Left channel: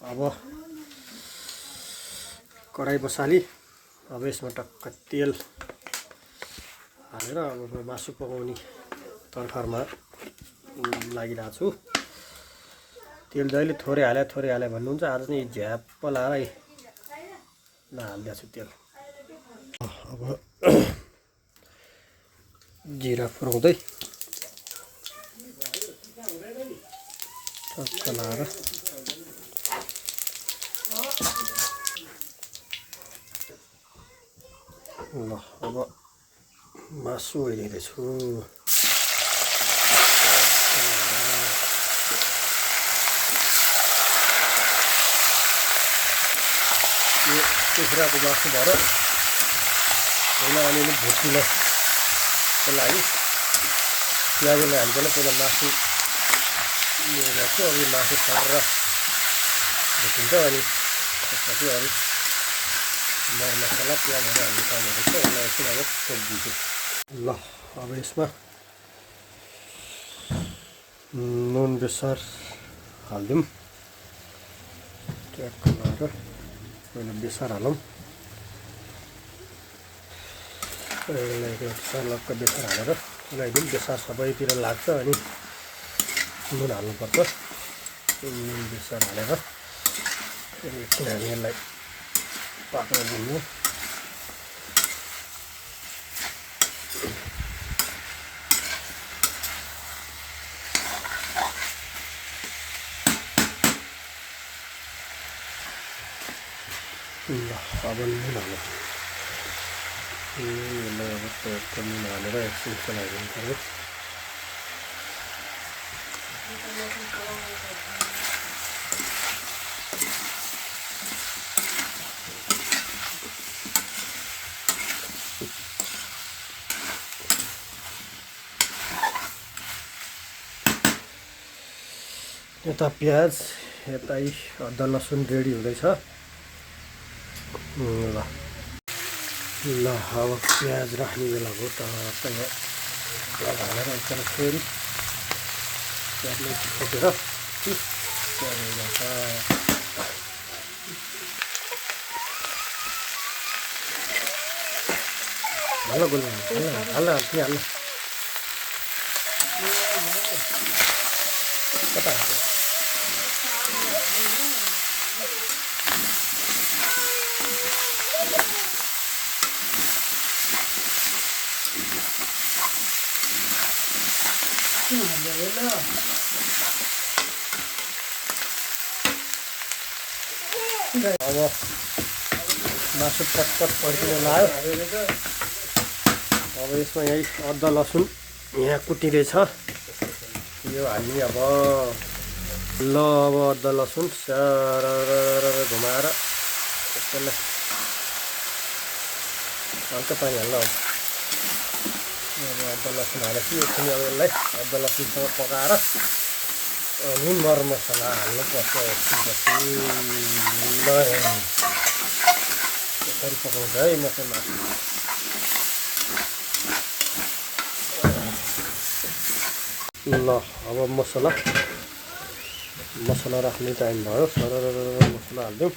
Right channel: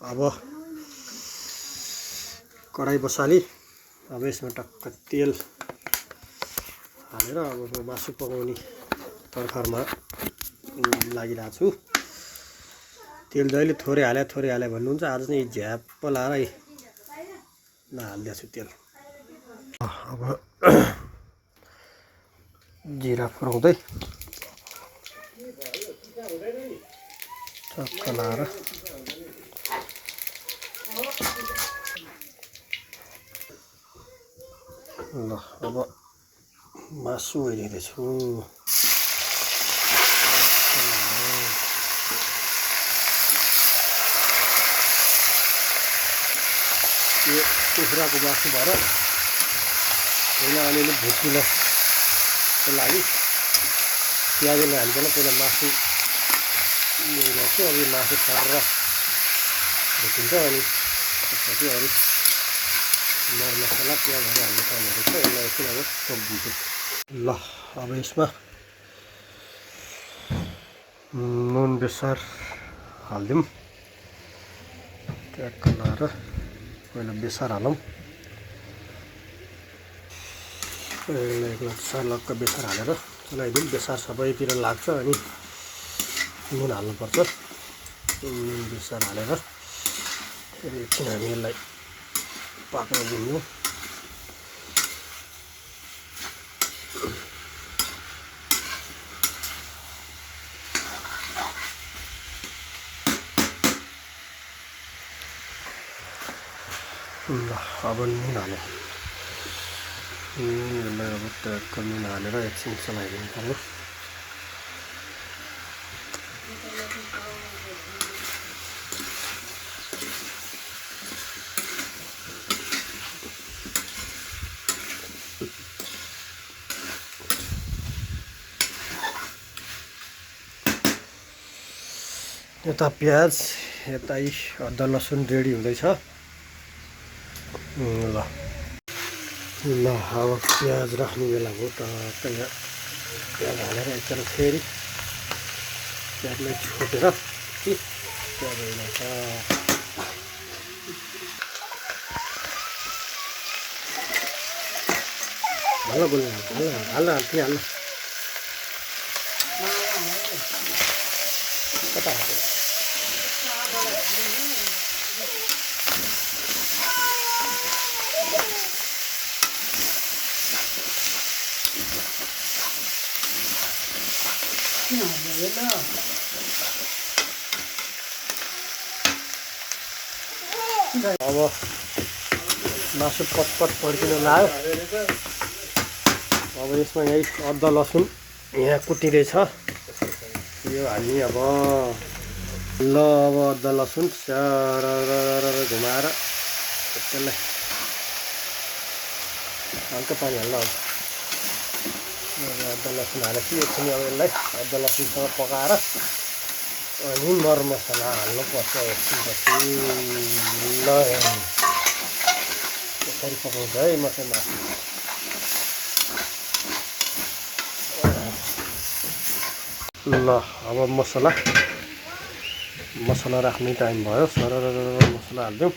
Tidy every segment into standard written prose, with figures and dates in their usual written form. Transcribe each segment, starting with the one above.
अब कराई बसाली। अब यसमा टक्क तेल हालेर अब म मासु पकाउने तर्खरमा लागिरहेको छु। तेल जहिले थोरै हाले भन्नुहुन्छ, आज चाहिँ झ्याप्प लाएर नहालिदिएको छु तेल। अब जिरा पुऱ्याउँदै टक्क लाएर ल अब मासु हालिदिँदैछु। यो कुखुराको मासु भएर पहिला अलिअलि भुटिनको लागि प्याजले हालिकन पहिला मासु ल्याउँछु। अब यो मासु सरेर भुटिन्छ, अनि त्यसपछि अरू मरमसला प्याजहरू हाल्नु पर्ने रहेछ। यसलाई एकछिन अब छोपिदिन्छु। ल अब यसमा नुन बेसार हालिदिउँ। ट्याक्क लाएर पहिला बेसार हालौँ। लक्क बेसार हालेर चलाइदिउँ। बेसार सबैतिर लाग्छ, अनि नुन हाल्नुपर्छ। नुन बेसार हालेर एकछिन हामी यसलाई पाक्न दिनु। ल अब नुन हालौँ। यसलाई अब ट्याक्क नुन हालेर एकछिन चलाइदिनु पर्यो। यता प्याज, यता अदुवा लसुन रेडी हुँदैछ। ल अब प्याज राख्ने बेला हो। टक्क प्याज हालेर एकचोटि फेरि प्याजलाई छोपेर प्याज हाल्छ। हाल गोल हाल कता अब मासु पटपट पड्किन लाग्यो। अब यसमा यही अदुवा लसुन यहाँ कुटिँदैछ, यो हाल्ने अब। ल अब अदुवा लसुन सरर घुमाएर त्यसलाई हल्का पानी हाल्नु। अब अदुवा लसुन हालेपछि एकछिन अब यसलाई अदुवा लसुनसँग पकाएर अनि मरमसला हाल्नुपर्छ। एकछिनपछि ल यसरी पकाउँछ है मसला। ल अब मसला राख्ने टाइम भयो। सरर मसला हालिदिउँ।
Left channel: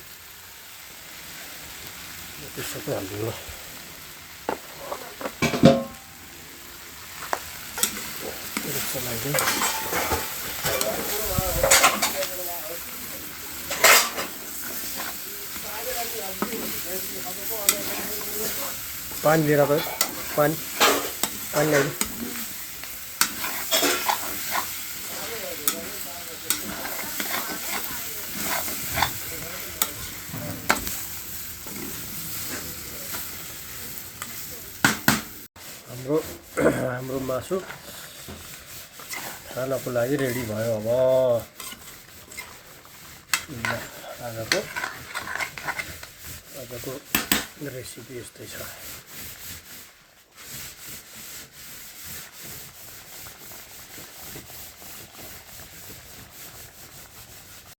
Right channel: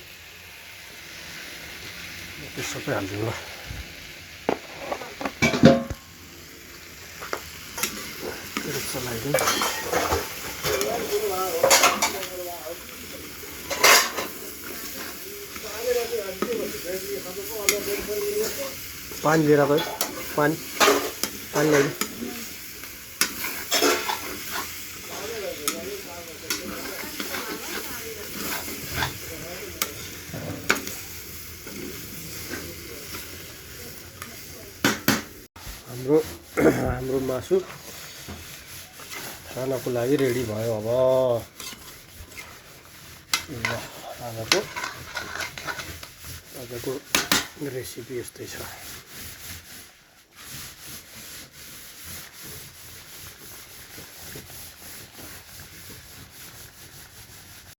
त्यो सबै हालिदिउँ। ल चलाइदिउँ। पानी लिएर गयो। पानी ल्याइदिउँ। हाम्रो मासु खानको लागि रेडी भयो। अब आजको रेसिपी यस्तै छ।